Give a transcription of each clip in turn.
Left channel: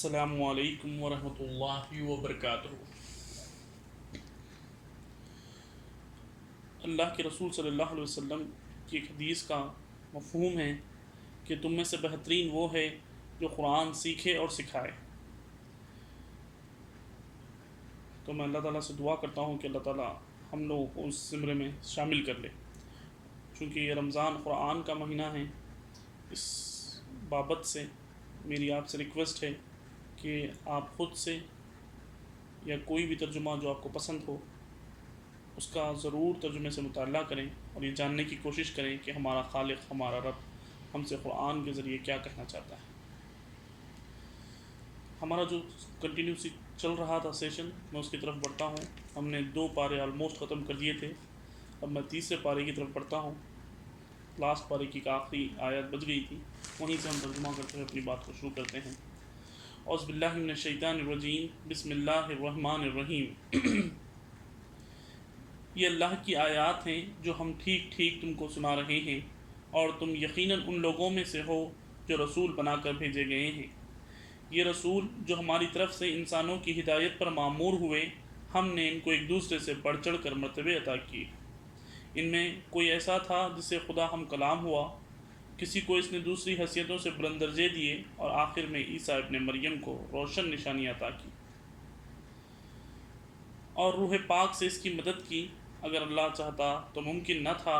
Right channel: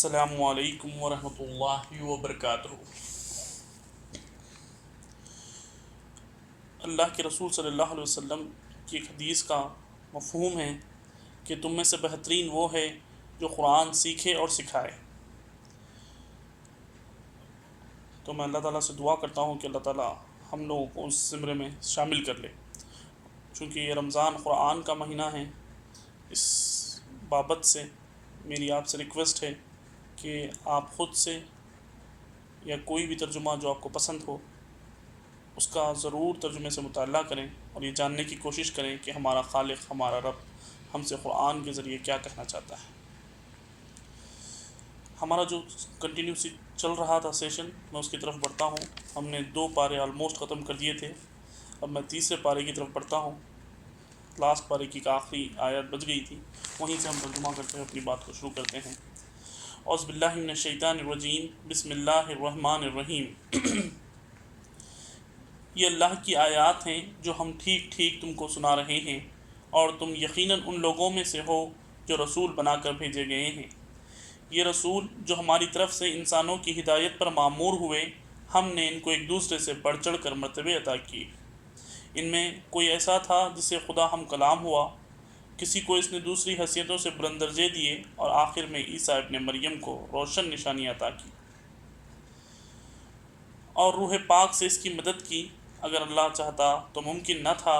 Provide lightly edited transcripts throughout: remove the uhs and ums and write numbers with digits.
السلام علیکم ورحمۃ اللہ وبرکاتہ۔ اللہ کے رسول صلی اللہ علیہ وسلم کی ایک حدیث کا مفہوم ہے کہ تم میں سے بہترین وہ ہے جو قرآن سیکھے اور سکھائے۔ تو میں اللہ تعالیٰ سے دعا کرتا ہوں کہ اللہ تعالیٰ ہم لوگوں کو اس زمرے میں شامل کر لے۔ چونکہ یہ رمضان قرآن کا مہینہ ہے، اس بابت سے میری آپ سے ریکویسٹ ہے کہ آپ خود سے یا کوئی بھی ترجمہ جو آپ کو پسند ہو اس کا ضرور ترجمے سے مطالعہ کریں اور یہ جاننے کی کوشش کریں کہ ہمارا خالق، ہمارا رب ہم سے قرآن کے ذریعے کیا کہنا چاہتا ہے۔ ہمارا جو کنٹینیوسی چل رہا تھا سیشن، میں اس کی طرف بڑھتا ہوں۔ ہم نے 2 پارے آلموسٹ ختم کر دیے تھے، اب میں تیسرے پارے کی طرف بڑھتا ہوں۔ لاسٹ پارے کی آخری آیت بچ گئی تھی، وہیں سے ہم ترجمہ کرتے ہیں، اپنی بات کو شروع کرتے ہیں۔ اعوذ باللہ من الشیطان الرجیم، بسم اللہ الرحمن الرحیم۔ یہ اللہ کی آیات ہیں جو ہم ٹھیک ٹھیک تم کو سنا رہے ہیں، اور تم یقیناً ان لوگوں میں سے ہو جو رسول بنا کر بھیجے گئے ہیں۔ یہ رسول جو ہماری طرف سے انسانوں کی ہدایت پر مامور ہوئے، ہم نے ان کو ایک دوسرے سے بڑھ چڑھ کر مرتبے عطا کیے۔ ان میں کوئی ایسا تھا جسے خدا ہم کلام ہوا، کسی کو اس نے دوسری حیثیتوں سے بلند درجے دیے، اور آخر میں عیسیٰ ابن مریم کو روشن نشانی عطا کی اور روح پاک سے اس کی مدد کی۔ اگر اللہ چاہتا تو ممکن نہ تھا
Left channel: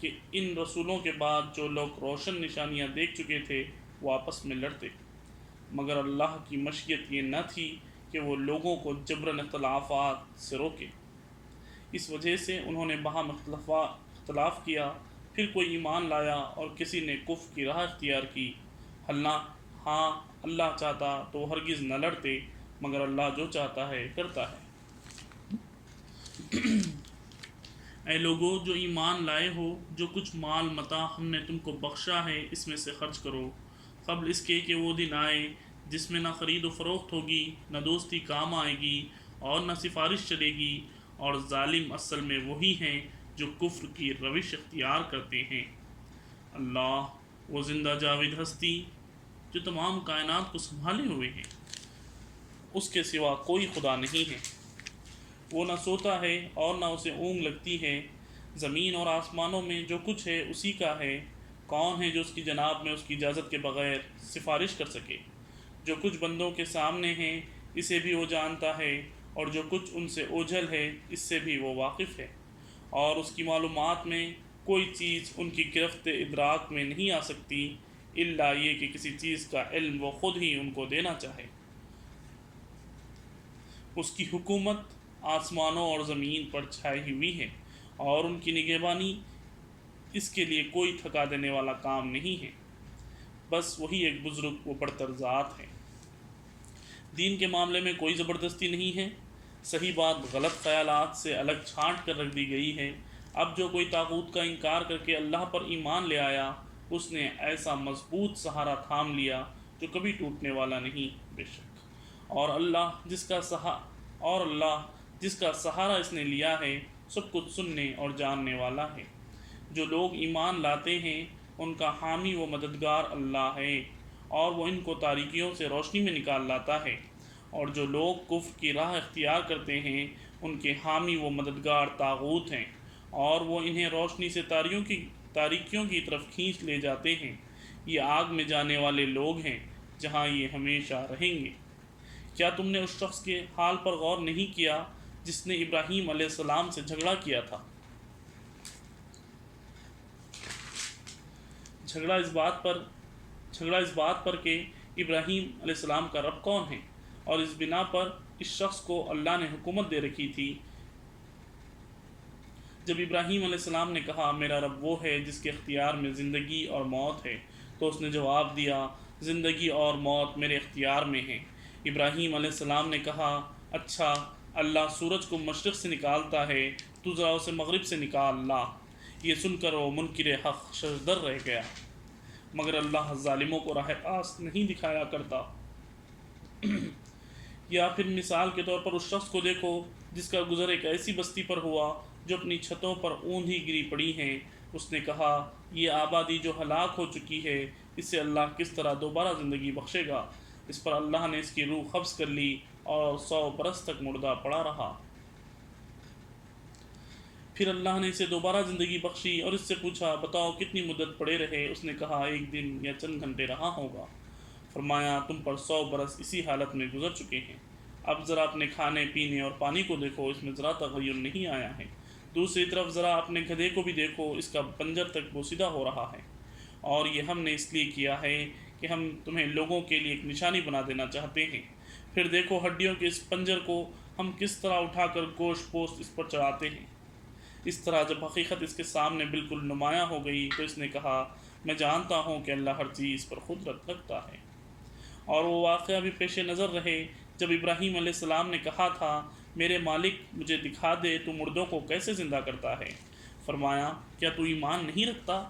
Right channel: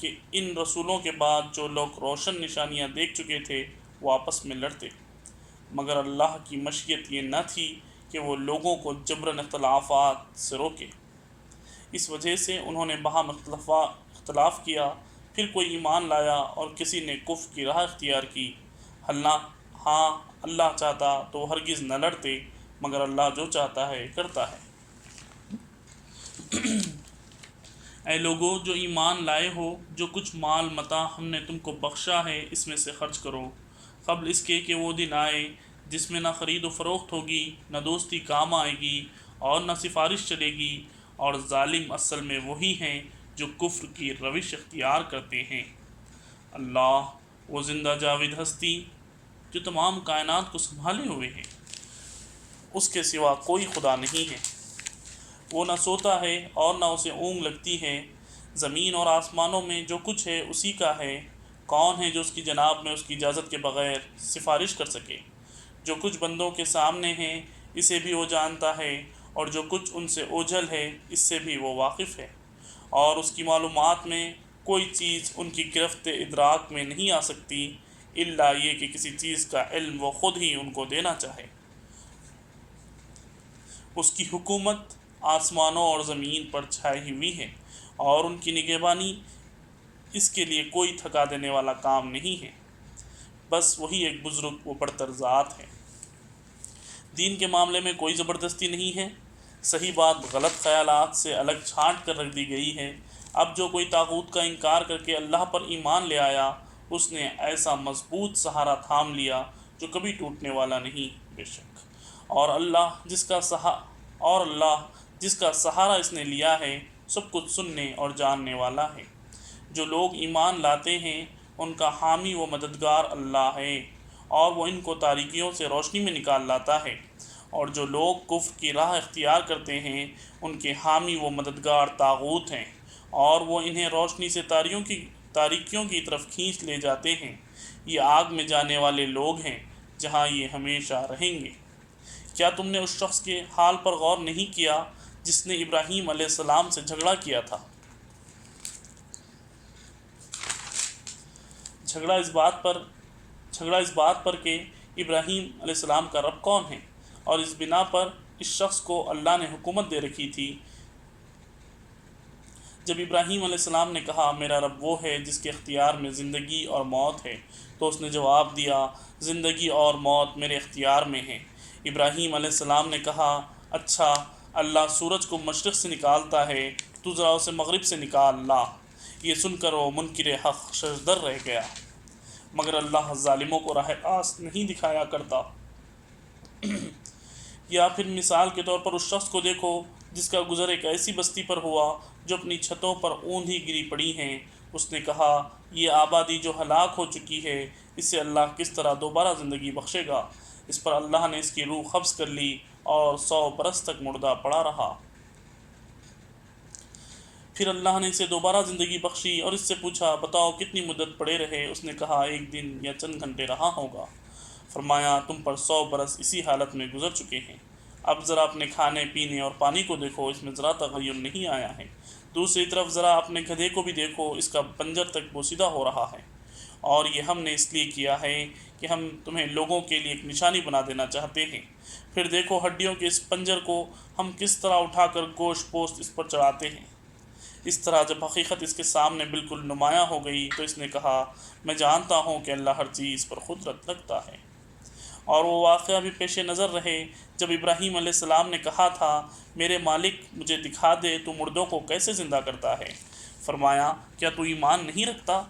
کہ ان رسولوں کے بعد جو لوگ روشن نشانیاں دیکھ چکے تھے وہ آپس میں لڑتے، مگر اللہ کی مشیت یہ نہ تھی کہ وہ لوگوں کو جبراً اختلافات سے روکے۔ اس وجہ سے انہوں نے باہم اختلاف کیا، پھر کوئی ایمان لایا اور کسی نے کفر کی راہ اختیار کی۔ ہاں اللہ چاہتا تو وہ ہرگز نہ لڑتے، مگر اللہ جو چاہتا ہے کرتا ہے۔ اے لوگو جو ایمان لائے ہو، جو کچھ مال متاع ہم نے تم کو بخشا ہے اس میں سے خرچ کرو، قبل اس کے کہ وہ دن آئے جس میں نہ خرید و فروخت ہوگی، نہ دوستی کام آئے گی، اور نہ سفارش چلے گی، اور ظالم اصل میں وہی ہیں جو کفر کی روش اختیار کرتے ہیں۔ اللہ وہ زندہ جاوید ہستی جو تمام کائنات کو سنبھالے ہوئے ہیں، اس کے سوا کوئی خدا نہیں ہے۔ وہ نہ سوتا ہے اور نہ اسے اونگ لگتی ہے۔ زمین اور آسمانوں میں جو کچھ ہے اسی کا ہے۔ کون ہے جو اس کی جناب میں اس کی اجازت کے بغیر سفارش کر سکے؟ جو کچھ بندوں کے سامنے ہے اسے بھی وہ جانتا ہے، اور جو کچھ ان سے اوجھل ہے اس سے بھی وہ واقف ہے، اور اس کی معلومات میں کوئی چیز ان کی گرفت ادراک میں نہیں آ سکتی الا یہ کہ کسی چیز کا علم وہ خود ہی ان کو دینا چاہے۔ اس کی حکومت آسمانوں اور زمین پر چھائی ہوئی ہے، اور ان کی نگہبانی اس کے لیے کوئی تھکا دینے والا کام نہیں ہے۔ بس وہی ایک بزرگ و برتر ذات ہے۔ دین کے معاملے میں کوئی زبردستی نہیں ہے، صحیح بات غلط خیالات سے الگ چھانٹ کر رکھ دی گئی ہے۔ اب جو کوئی طاغوت کا انکار کر کے اللہ پر ایمان لے آیا، اس نے ایسا مضبوط سہارا تھام لیا جو کبھی ٹوٹنے والا نہیں۔ بے شک اور اللہ جس کا سہارا اس نے لیا ہے سب کچھ سننے اور جاننے والا ہے۔ جو لوگ ایمان لاتے ہیں ان کا حامی و مددگار اللہ ہے، اور وہ ان کو تاریکیوں سے روشنی میں نکال لاتا ہے۔ اور جو لوگ کفر کی راہ اختیار کرتے ہیں ان کے حامی و مددگار طاغوت ہیں، اور وہ انہیں روشنی سے تاریکیوں کی طرف کھینچ لے جاتے ہیں۔ یہ آگ میں جانے والے لوگ ہیں جہاں یہ ہمیشہ رہیں گے۔ کیا تم نے اس شخص کے حال پر غور نہیں کیا جس نے ابراہیم علیہ السلام سے جھگڑا کیا تھا؟ جھگڑا اس بات پر کہ ابراہیم علیہ السلام کا رب کون ہے، اور اس بنا پر اس شخص کو اللہ نے حکومت دے رکھی تھی۔ جب ابراہیم علیہ السلام نے کہا میرا رب وہ ہے جس کے اختیار میں زندگی اور موت ہے، تو اس نے جواب دیا زندگی اور موت میرے اختیار میں ہیں۔ ابراہیم علیہ السلام نے کہا اچھا، اللہ سورج کو مشرق سے نکالتا ہے، تو ذرا اسے مغرب سے نکال لا۔ یہ سن کر وہ منکر حق ششدر رہ گیا، مگر اللہ ظالموں کو راہ راست نہیں دکھایا کرتا۔ یا پھر مثال کے طور پر اس شخص کو دیکھو جس کا گزر ایک ایسی بستی پر ہوا جو اپنی چھتوں پر اوندھی گری پڑی ہیں۔ اس نے کہا یہ آبادی جو ہلاک ہو چکی ہے، اسے اللہ کس طرح دوبارہ زندگی بخشے گا؟ اس پر اللہ نے اس کی روح قبض کر لی اور 100 برس تک مردہ پڑا رہا۔ پھر اللہ نے اسے دوبارہ زندگی بخشی اور اس سے پوچھا بتاؤ کتنی مدت پڑے رہے؟ اس نے کہا 1 دن یا چند گھنٹے رہا ہوگا۔ فرمایا تم پر 100 برس اسی حالت میں گزر چکے ہیں، اب ذرا اپنے کھانے پینے اور پانی کو دیکھو، اس میں ذرا تغیر نہیں آیا ہے۔ دوسری طرف ذرا اپنے گدھے کو بھی دیکھو، اس کا پنجر تک بوسیدہ ہو رہا ہے، اور یہ ہم نے اس لیے کیا ہے کہ ہم تمہیں لوگوں کے لیے ایک نشانی بنا دینا چاہتے ہیں۔ پھر دیکھو ہڈیوں کے اس پنجر کو ہم کس طرح اٹھا کر گوشت پوست اس پر چڑھاتے ہیں۔ اس طرح جب حقیقت اس کے سامنے بالکل نمایاں ہو گئی تو اس نے کہا میں جانتا ہوں کہ اللہ ہر چیز پر قدرت رکھتا ہے۔ اور وہ واقعہ بھی پیش نظر رہے جب ابراہیم علیہ السلام نے کہا تھا میرے مالک مجھے دکھا دے تو مردوں کو کیسے زندہ کرتا ہے۔ فرمایا کیا تو ایمان نہیں رکھتا؟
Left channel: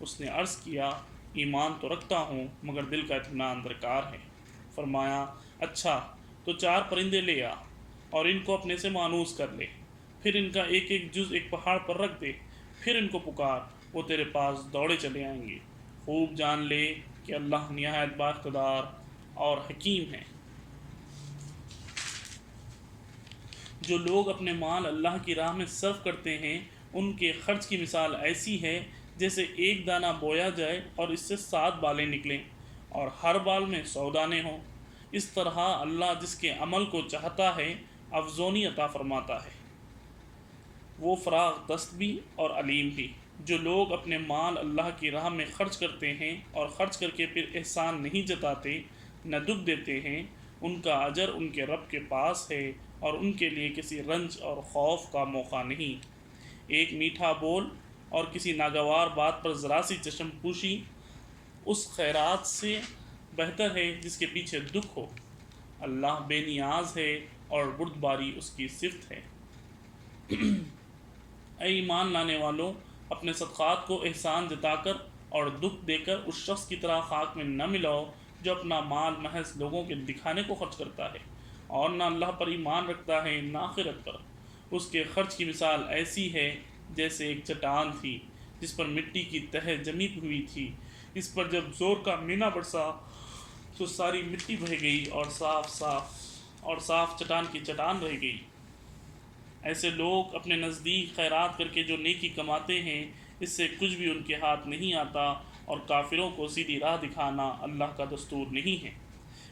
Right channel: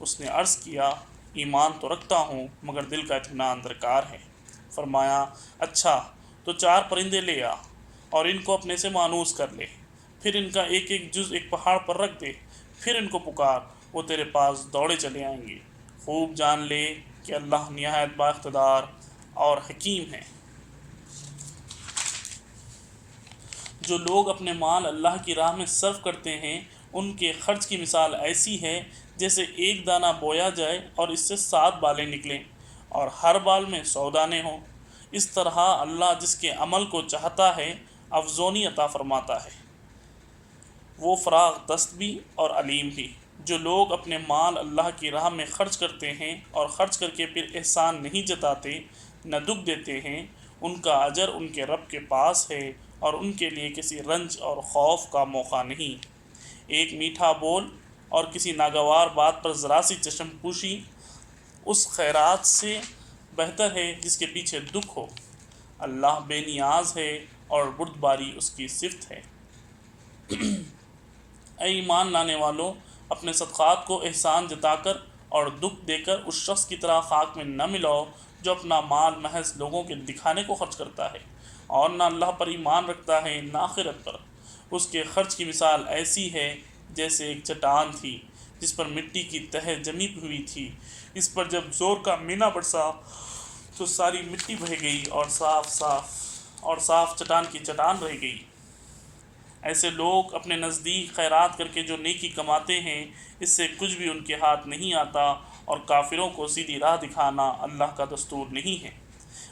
اس نے عرض کیا ایمان تو رکھتا ہوں مگر دل کا اطمینان درکار ہے۔ فرمایا اچھا تو 4 پرندے لے آ اور ان کو اپنے سے مانوس کر لے، پھر ان کا ایک ایک جز ایک پہاڑ پر رکھ دے، پھر ان کو پکار، وہ تیرے پاس دوڑے چلے آئیں گے۔ خوب جان لے کہ اللہ نہایت با اقتدار اور حکیم ہے۔ جو لوگ اپنے مال اللہ کی راہ میں صرف کرتے ہیں ان کے خرچ کی مثال ایسی ہے جیسے ایک دانہ بویا جائے اور اس سے 7 بالیں نکلیں اور ہر بال میں 100 دانے ہوں۔ اس طرح اللہ جس کے عمل کو چاہتا ہے افزونی عطا فرماتا ہے، وہ فراغ دست بھی اور علیم بھی۔ جو لوگ اپنے مال اللہ کی راہ میں خرچ کرتے ہیں اور خرچ کر کے پھر احسان نہیں جتاتے نہ دکھ دیتے ہیں، ان کا اجر ان کے رب کے پاس ہے اور ان کے لیے کسی رنج اور خوف کا موقع نہیں۔ ایک میٹھا بول اور کسی ناگوار بات پر ذرا سی چشم پوشی اس خیرات سے بہتر ہے جس کے پیچھے دکھ ہو۔ اللہ بے نیاز ہے اور بردباری اس کی صفت ہے۔ اے ایمان لانے والو، اپنے صدقات کو احسان جتا کر اور دکھ دے کر اس شخص کی طرح خاک میں نہ ملاؤ جو اپنا مال محض لوگوں کے دکھانے کو خرچ کرتا ہے اور نہ اللہ پر ایمان رکھتا ہے نہ آخرت پر۔ اس کے خرچ کی مثال ایسی ہے جیسے ایک چٹان تھی جس پر مٹی کی تہ جمی ہوئی تھی، اس پر جب زور کا مینا برسا تو ساری مٹی بہہ گئی اور صاف چٹان کی چٹان رہ گئی۔ ایسے لوگ اپنے نزدیک خیرات کر کے جو نیکی کماتے ہیں اس سے کچھ بھی ان کے ہاتھ نہیں آتا، اور کافروں کو سیدھی راہ دکھانا اللہ کا دستور نہیں ہے۔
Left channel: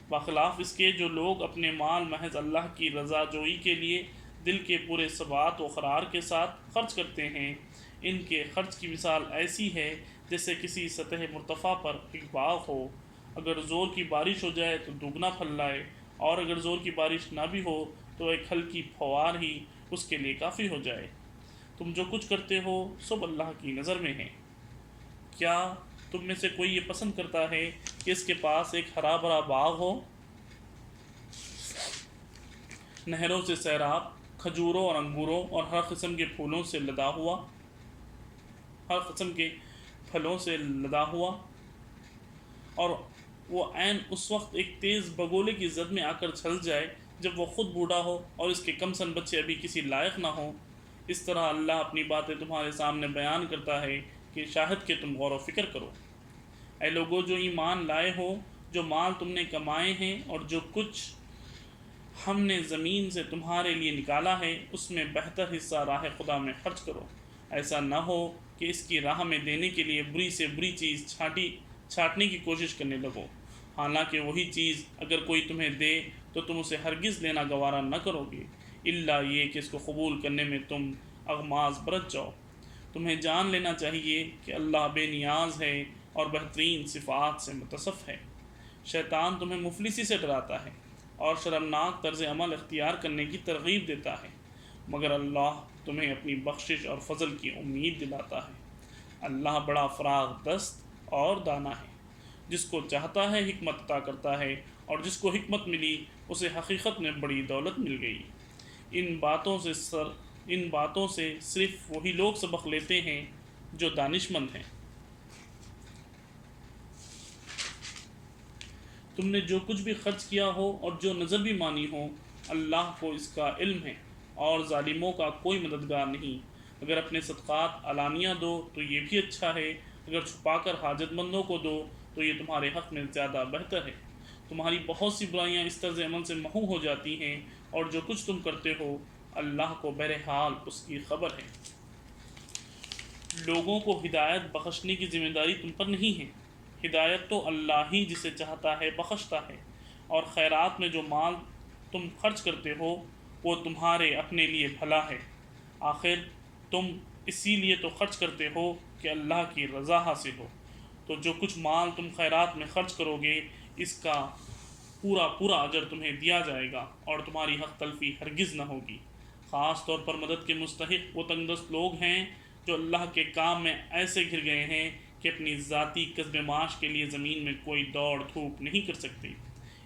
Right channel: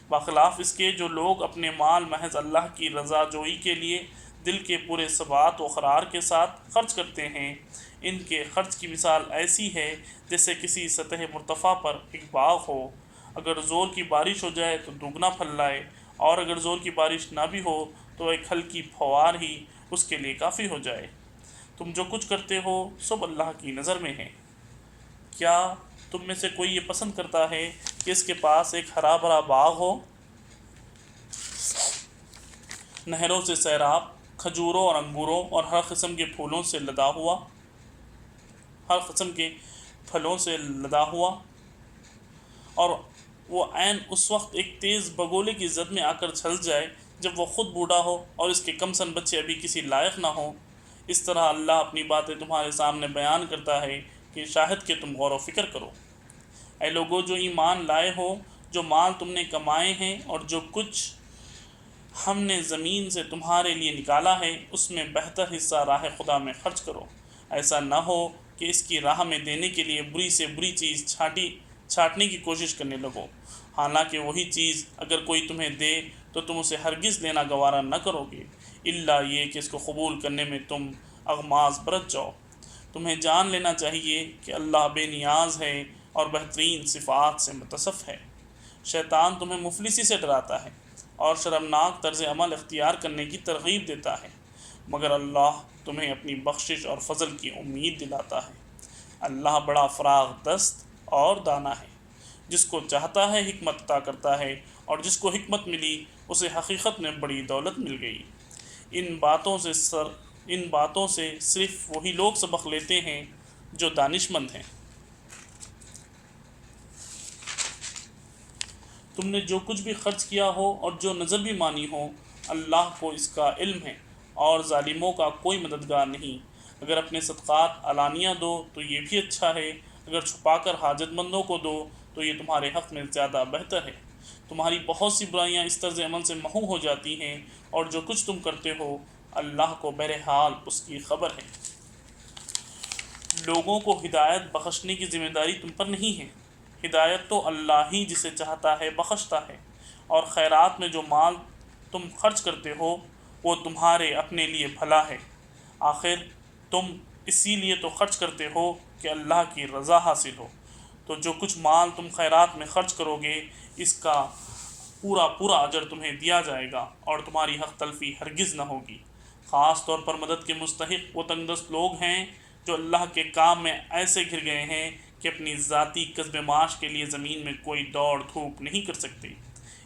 بخلاف اس کے جو لوگ اپنے مال محض اللہ کی رضا جوئی کے لیے دل کے پورے ثبات و قرار کے ساتھ خرچ کرتے ہیں، ان کے خرچ کی مثال ایسی ہے جیسے کسی سطح مرتفع پر ایک باغ ہو، اگر زور کی بارش ہو جائے تو دگنا پھل لائے، اور اگر زور کی بارش نہ بھی ہو تو ایک ہلکی پھوار ہی اس کے لیے کافی ہو جائے۔ تم جو کچھ کرتے ہو سب اللہ کی نظر میں ہے۔ کیا تم میں سے کوئی یہ پسند کرتا ہے کہ اس کے پاس ایک ہرا بھرا باغ ہو، نہروں سے سیراب، کھجوروں اور انگوروں اور ہر قسم کے پھولوں سے لدا ہوا، ہر قسم کے پھلوں سے لدا ہوا، اور وہ عین اس وقت ایک تیز بگولے کی زد میں آ کر چھل جائے جب وہ خود بوڑھا ہو اور اس کے کم سن بچے ابھی کسی لائق نہ ہوں؟ اس طرح اللہ اپنی باتیں تمہارے سامنے بیان کرتا ہے کہ شاہد کہ تم غور و فکر کرو۔ اے لوگو جو ایمان لائے ہو، جو مال تم نے کمائے ہیں اور جو کچھ ہم نے زمین سے تمہارے لیے نکالا ہے اس میں بہتر حصہ راہ خدا میں خرچ کرو۔ ایسا نہ ہو کہ اس کی راہ میں دینے کے لیے بری سے بری چیز چھانٹنے کی کوشش کرنے لگو، حالانکہ وہی چیز اگر کوئی تمہیں دے تو تم اسے ہرگز لینا گوارا نہ کرو گے، الا یہ کہ اس کو قبول کرنے میں تم اغماض برت جاؤ۔ تمہیں جان لینا چاہیے کہ اللہ بے نیاز ہے اور بہترین صفات سے متصف ہے۔ شیطان تمہیں مفلسی سے ڈراتا ہے اور شرمناک طرز عمل اختیار کرنے کی ترغیب دیتا ہے، مگر اللہ تمہیں اپنی بخشش اور فضل کی امید دلاتا ہے۔ اللہ بڑا فراغ دست اور دانا ہے، جس کو چاہتا ہے حکمت عطا کرتا ہے، اور جس کو حکمت ملی اسے حقیقت میں بڑی دولت مل گئی۔ ان باتوں سے صرف وہی لوگ سبق لیتے ہیں جو دانش مند ہیں۔ تم نے جو کچھ بھی خرچ کیا ہو اور جو نظر بھی مانی ہو، اللہ کو اس کا علم ہے، اور ظالموں کا کوئی مددگار نہیں۔ اگر اپنے صدقات علانیہ دو تو یہ بھی اچھا ہے، اگر چھپا کر حاجت مندوں کو دو تو یہ تمہارے حق میں زیادہ بہتر ہے۔ تمہاری بہت سی برائیاں اس طرز عمل سے محو ہو جاتی ہیں، اور جو کچھ تم کرتے ہو اللہ کو بہرحال اس کی خبر ہے۔ لوگوں کو ہدایت بخشنے کی ذمہ داری تم پر نہیں ہے، ہدایت تو اللہ ہی جسے چاہتا ہے بخشتا ہے، اور خیرات میں جو مال تم خرچ کرتے ہو وہ تمہارے اپنے لیے بھلا ہے، آخر تم اسی لیے تو خرچ کرتے ہو کہ اللہ کی رضا حاصل ہو۔ تو جو کچھ مال تم خیرات میں خرچ کرو گے اس کا پورا اجر تمہیں دیا جائے گا، اور تمہاری حق تلفی ہرگز نہ ہوگی۔ خاص طور پر مدد کے مستحق وہ تنگ دست لوگ ہیں جو اللہ کے کام میں ایسے گر گئے ہیں کہ اپنی ذاتی کسب معاش کے لیے زمین میں کوئی دوڑ دھوپ نہیں کر سکتے۔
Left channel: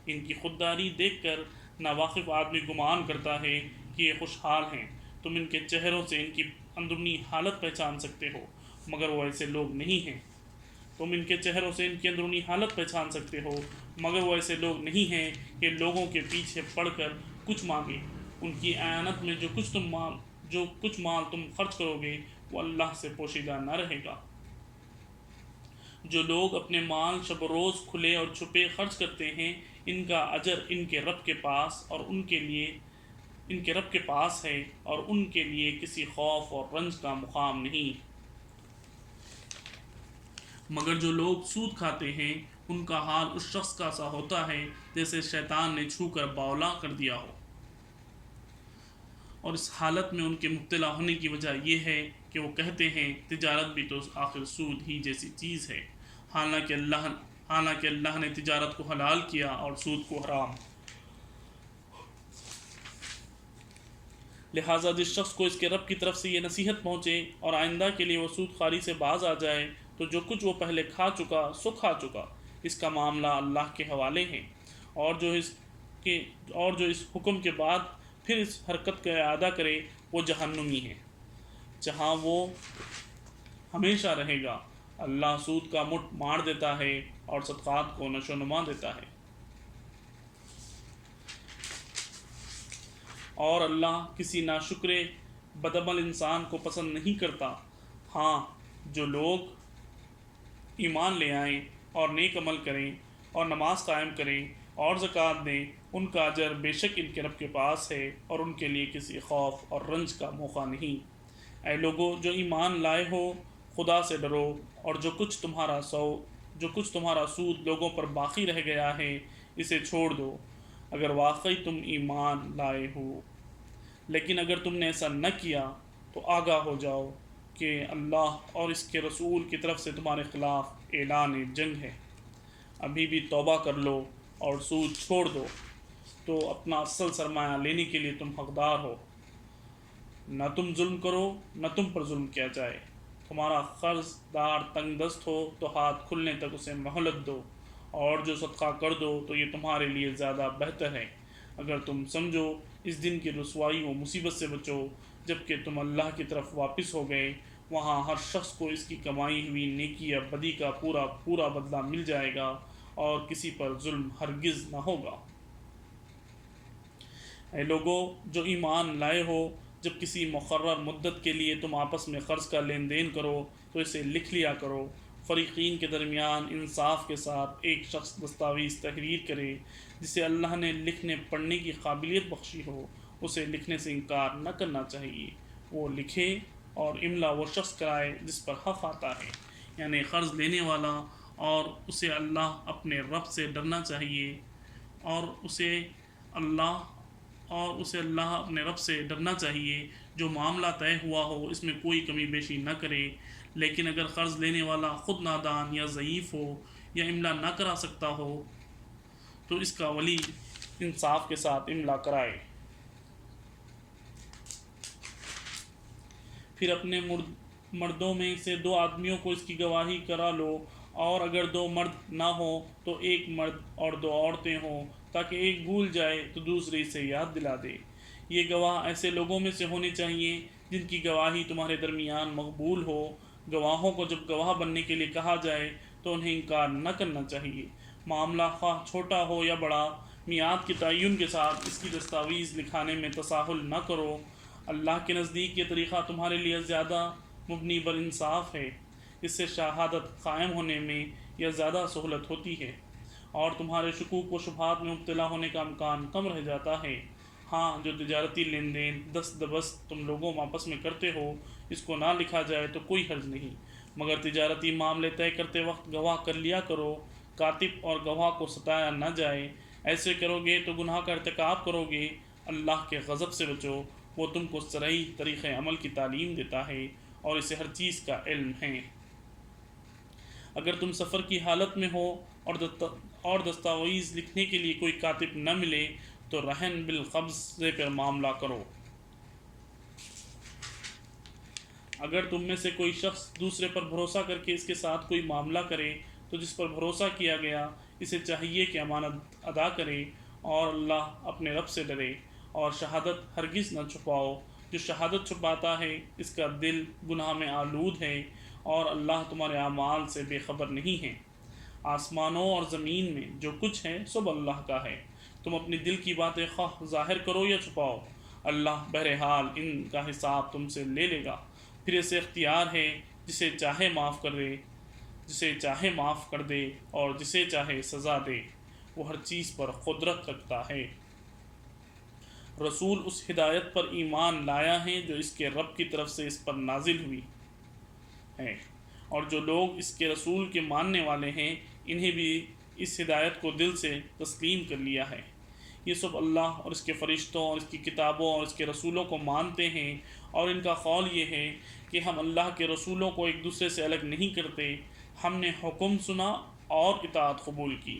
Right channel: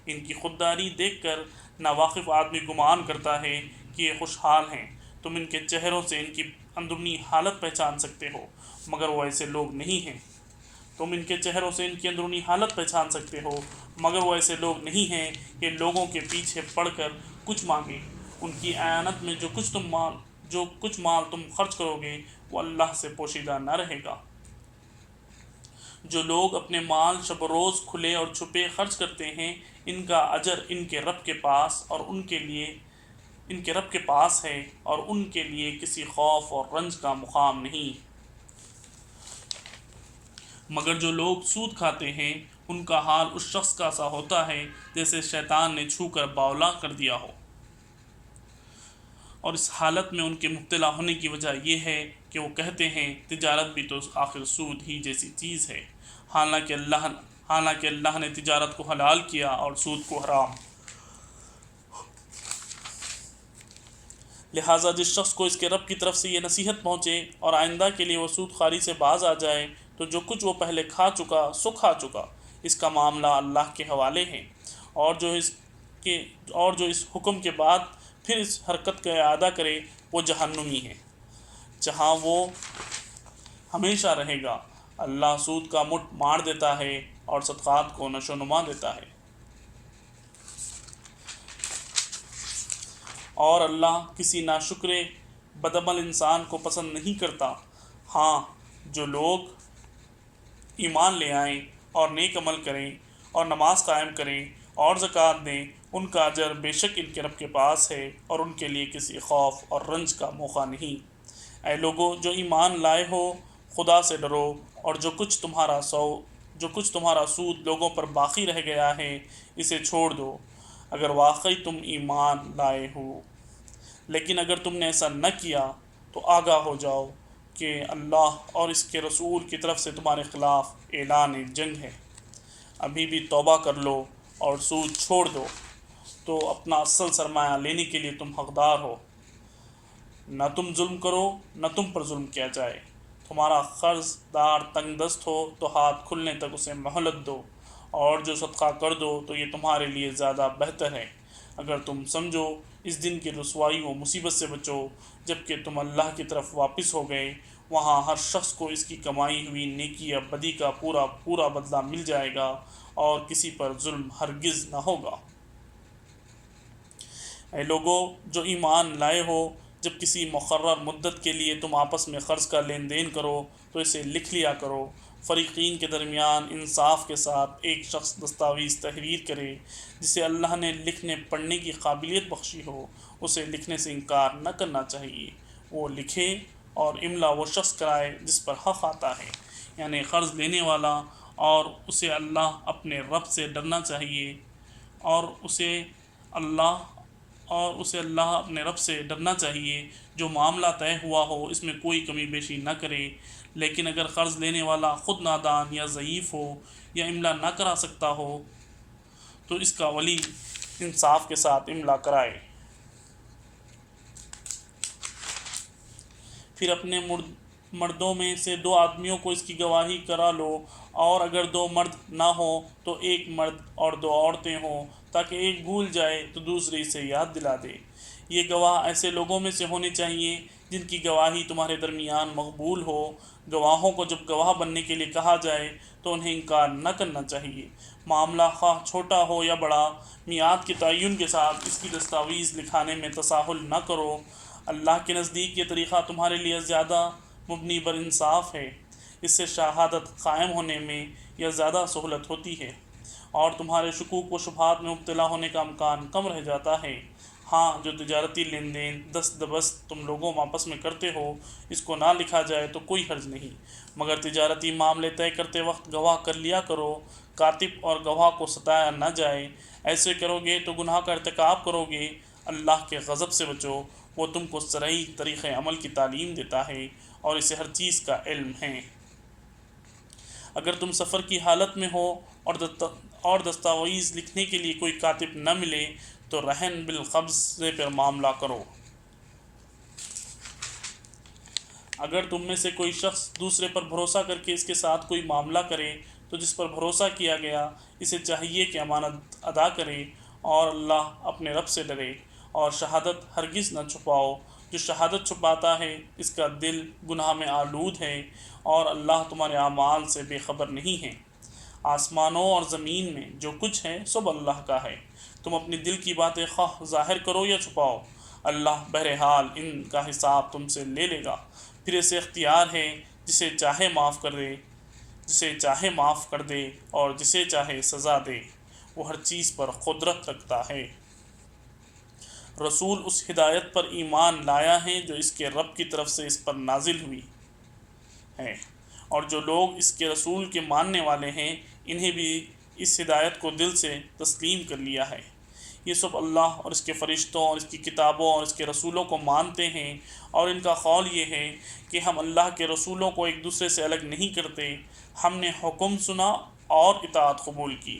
ان کی خودداری دیکھ کر ناواقف آدمی گمان کرتا ہے کہ یہ خوشحال ہیں۔ تم ان کے چہروں سے ان کی اندرونی حالت پہچان سکتے ہو، مگر وہ ایسے لوگ نہیں ہیں۔ تم ان کے چہروں سے ان کی اندرونی حالت پہچان سکتے ہو، مگر وہ ایسے لوگ نہیں ہیں کہ لوگوں کے پیچھے پڑ کر کچھ مانگیں۔ ان کی اعانت میں جو کچھ مال تم خرچ کرو گے وہ اللہ سے پوشیدہ نہ رہے گا۔ جو لوگ اپنے مال شب و روز کھلے اور چھپے خرچ کرتے ہیں ان کا اجر ان کے رب کے پاس ہے، اور ان کے لیے کسی خوف اور رنج کا مقام نہیں۔ مگر جو لوگ سود کھاتے ہیں ان کا حال اس شخص کا سا ہوتا ہے جیسے شیطان نے چھو کر باولا کر دیا ہو، اور اس حالت میں ان کے مبتلا ہونے کی وجہ یہ ہے کہ وہ کہتے ہیں تجارت بھی تو آخر سود ہی جیسی چیز ہے، حالانکہ اللہ نے تجارت کو حلال کیا اور سود کو حرام۔ لہٰذا جس شخص کو اس کے رب کی طرف سے یہ نصیحت پہنچے اور آئندہ کے لیے وہ سود خواری سے باز آ جائے تو جو کچھ وہ پہلے کھا چکا اس کا معاملہ اللہ کے حوالے ہے، اور جو اس حکم کے بعد پھر اس حرکت کا اعادہ کرے وہ جہنمی ہے، جہاں وہ ہمیشہ رہے گا۔ اللہ سود کا مٹھ مار دیتا ہے اور صدقات کو نشو و نما دیتا ہے، اور اللہ کسی ناشکر بدعمل انسان کو پسند نہیں کرتا۔ ہاں، جو لوگ ایمان لے آئیں اور نیک عمل کریں اور نماز قائم کریں اور زکوٰۃ دیں ان کا اجر بے شک ان کے رب کے پاس ہے، اور ان کے لیے کسی خوف اور رنج کا موقع نہیں۔ اے لوگو جو ایمان لائے ہو خدا سے ڈرو، اور جو کچھ تمہارا سود لوگوں پر باقی رہ گیا ہے اسے چھوڑ دو، اگر واقعی تم ایمان لائے ہو۔ لیکن اگر تم نے ایسا نہ کیا تو آگاہ ہو جاؤ کہ اللہ اور اس کے رسول کی طرف سے تمہارے خلاف اعلان جنگ ہے۔ ابھی بھی توبہ کر لو اور سود چھوڑ دو تو اپنا اصل سرمایہ لینے کے لیے تم حقدار ہو۔ نہ تم ظلم کرو نہ تم پر ظلم کیا جائے۔ تمہارا قرض دار تنگ دست ہو تو ہاتھ کھلنے تک اسے مہلت دو، اور جو صدقہ کر دو تو یہ تمہارے لیے زیادہ بہتر ہے اگر تم سمجھو۔ اس دن کی رسوائی و مصیبت سے بچو جب کہ تم اللہ کی طرف واپس ہو گئے، وہاں ہر شخص کو اس کی کمائی ہوئی نیکی یا بدی کا پورا بدلہ مل جائے گا، اور کسی پر ظلم ہرگز نہ ہوگا۔ اے لوگو جو ایمان لائے ہو، جب کسی مقرر مدت کے لیے تم آپس میں قرض کا لین دین کرو تو اسے لکھ لیا کرو۔ فریقین کے درمیان انصاف کے ساتھ ایک شخص دستاویز تحریر کرے جسے اللہ نے لکھنے پڑھنے کی قابلیت بخشی ہو، اسے لکھنے سے انکار نہ کرنا چاہیے۔ وہ لکھے اور املا وہ شخص کرائے جس پر حق آتا ہے، یعنی قرض لینے والا، اور اسے اپنے رب سے ڈرنا چاہیے، اور اسے اللہ اپنے رب سے ڈرنا چاہیے۔ جو معاملہ طے ہوا ہو اس میں کوئی کمی بیشی نہ کرے، لیکن اگر قرض لینے والا خود نادان یا ضعیف ہو یا املا نہ کرا سکتا ہو تو اس کا ولی انصاف کے ساتھ املا کرائے۔ پھر اپنے مردوں میں سے 2 آدمیوں کو اس کی گواہی کرا لو، اور اگر 2 مرد نہ ہوں تو 1 مرد اور 2 عورتیں ہوں، تاکہ ایک بھول جائے تو دوسری سے یاد دلا دے۔ یہ گواہ ایسے لوگوں میں سے ہونے چاہیے جن کی گواہی تمہارے درمیان مقبول ہو۔ گواہوں کو جب گواہ بننے کے لیے کہا جائے تو انہیں انکار نہ کرنا چاہیے، معاملہ خواہ چھوٹا ہو یا بڑا۔ میعاد کے تعین کے ساتھ اس کی دستاویز لکھانے میں تساہل نہ کرو۔ اللہ کے نزدیک یہ طریقہ تمہارے لیے زیادہ مبنی بر انصاف ہے، اس سے شہادت قائم ہونے میں یا زیادہ سہولت ہوتی ہے، اور تمہارے شکوک و شبہات میں مبتلا ہونے کا امکان کم رہ جاتا ہے۔ ہاں، جو تجارتی لین دین دست دبست تم لوگوں آپس میں کرتے ہو، اس کو نہ لکھا جائے تو کوئی حرج نہیں، مگر تجارتی معاملے طے کرتے وقت گواہ کر لیا کرو، کاتب اور گواہ کو ستایا نہ جائے۔ ایسے کرو گے تو گناہ کا ارتکاب کرو گے۔ اللہ کے غضب سے بچو، وہ تم کو صحیح طریقۂ عمل کی تعلیم دیتا ہے اور اسے ہر چیز کا علم ہے۔ اگر تم سفر کی حالت میں ہو اور دستاویز لکھنے کے لیے کوئی کاتب نہ ملے تو رہن بالقبض پر معاملہ کرو۔ اگر تم میں سے کوئی شخص دوسرے پر بھروسہ کر کے اس کے ساتھ کوئی معاملہ کرے تو جس پر بھروسہ کیا گیا اسے چاہیے کہ امانت ادا کرے اور اللہ اپنے رب سے ڈرے، اور شہادت ہرگز نہ چھپاؤ۔ جو شہادت چھپاتا ہے اس کا دل گناہ میں آلود ہے، اور اللہ تمہارے اعمال سے بے خبر نہیں ہے۔ آسمانوں اور زمین میں جو کچھ ہے سب اللہ کا ہے۔ تم اپنے دل کی باتیں خواہ ظاہر کرو یا چھپاؤ، اللہ بہرحال ان کا حساب تم سے لے لے گا۔ پھر اسے اختیار ہے جسے چاہے معاف کر دے اور جسے چاہے سزا دے، وہ ہر چیز پر قدرت رکھتا ہے۔ رسول اس ہدایت پر ایمان لایا ہے جو اس کے رب کی طرف سے اس پر نازل ہوئی ہے، اور جو لوگ اس کے رسول کے ماننے والے ہیں انہیں بھی اس ہدایت کو دل سے تسلیم کر لیا ہے۔ یہ سب اللہ اور اس کے فرشتوں اور اس کی کتابوں اور اس کے رسولوں کو مانتے ہیں، اور ان کا قول یہ ہے کہ ہم اللہ کے رسولوں کو ایک دوسرے سے الگ نہیں کرتے۔ ہم نے حکم سنا اور اطاعت قبول کی۔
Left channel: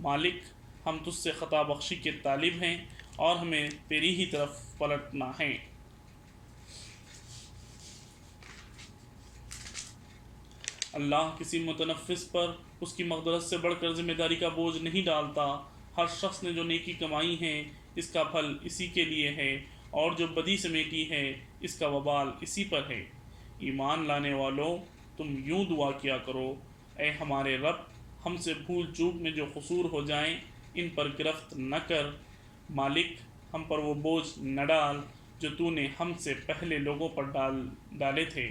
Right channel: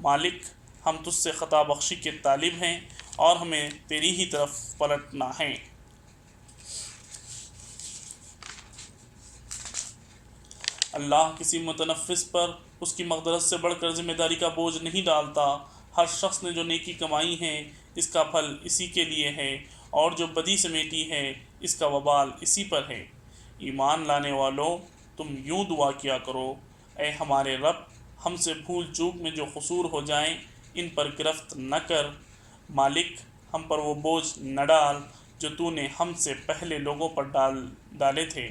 مالک، ہم تجھ سے خطا بخشی کے طالب ہیں اور ہمیں تیری ہی طرف پلٹنا ہے۔ اللہ کسی متنفس پر اس کی مقدرت سے بڑھ کر ذمہ داری کا بوجھ نہیں ڈالتا۔ ہر شخص نے جو نیکی کمائی ہے اس کا پھل اسی کے لیے ہے، اور جو بدی سمیٹی ہے اس کا وبال اسی پر ہے۔ ایمان لانے والو، تم یوں دعا کیا کرو: اے ہمارے رب، ہم سے بھول چوک میں جو قصور ہو جائیں ان پر گرفت نہ کر۔ مالک، ہم پر وہ بوجھ نہ ڈال جو تو نے ہم سے پہلے لوگوں پر ڈالے تھے۔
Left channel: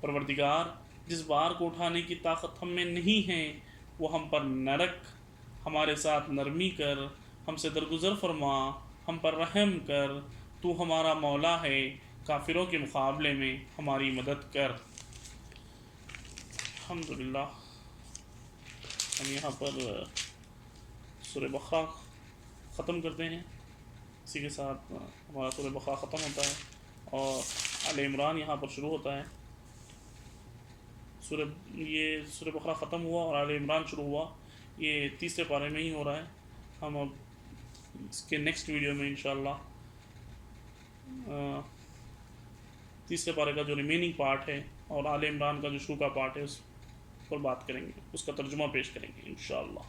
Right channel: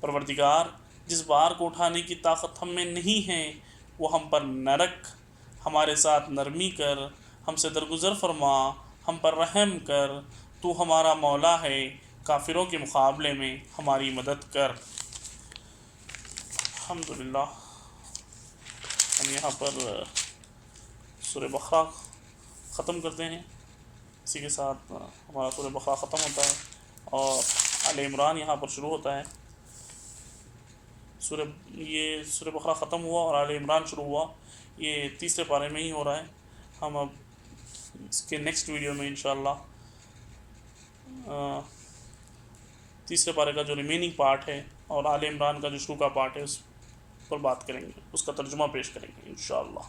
پروردگار، جس بار کو اٹھانے کی طاقت ہم میں نہیں ہے وہ ہم پر نہ رکھ، ہمارے ساتھ نرمی کر، ہم سے درگزر فرما، ہم پر رحم کر، تو ہمارا مولا ہے، کافروں کے مقابلے میں ہماری مدد کر۔ الحمدللہ، ہم یہاں پر سورہ بقرہ ختم کرتے ہیں، اسی کے ساتھ ہمارا سورہ بقرہ ختم ہوتا ہے اور آل عمران یہاں پر شروع ہوتا ہے۔ یہ سورہ بقرہ ختم ہوا اور آل عمران شروع ہوا، یہ تیسرے پارے میں ہی ہو رہا ہے۔ ہم اب اس کے نیکسٹ ویڈیو میں انشاءاللہ تیسرے پارے کا جو ریمیننگ پارٹ ہے اور آل عمران کا جو شروع کا پارٹ ہے اس پر بات کریں گے، اس کا ترجمہ پیش کریں گے انشاءاللہ۔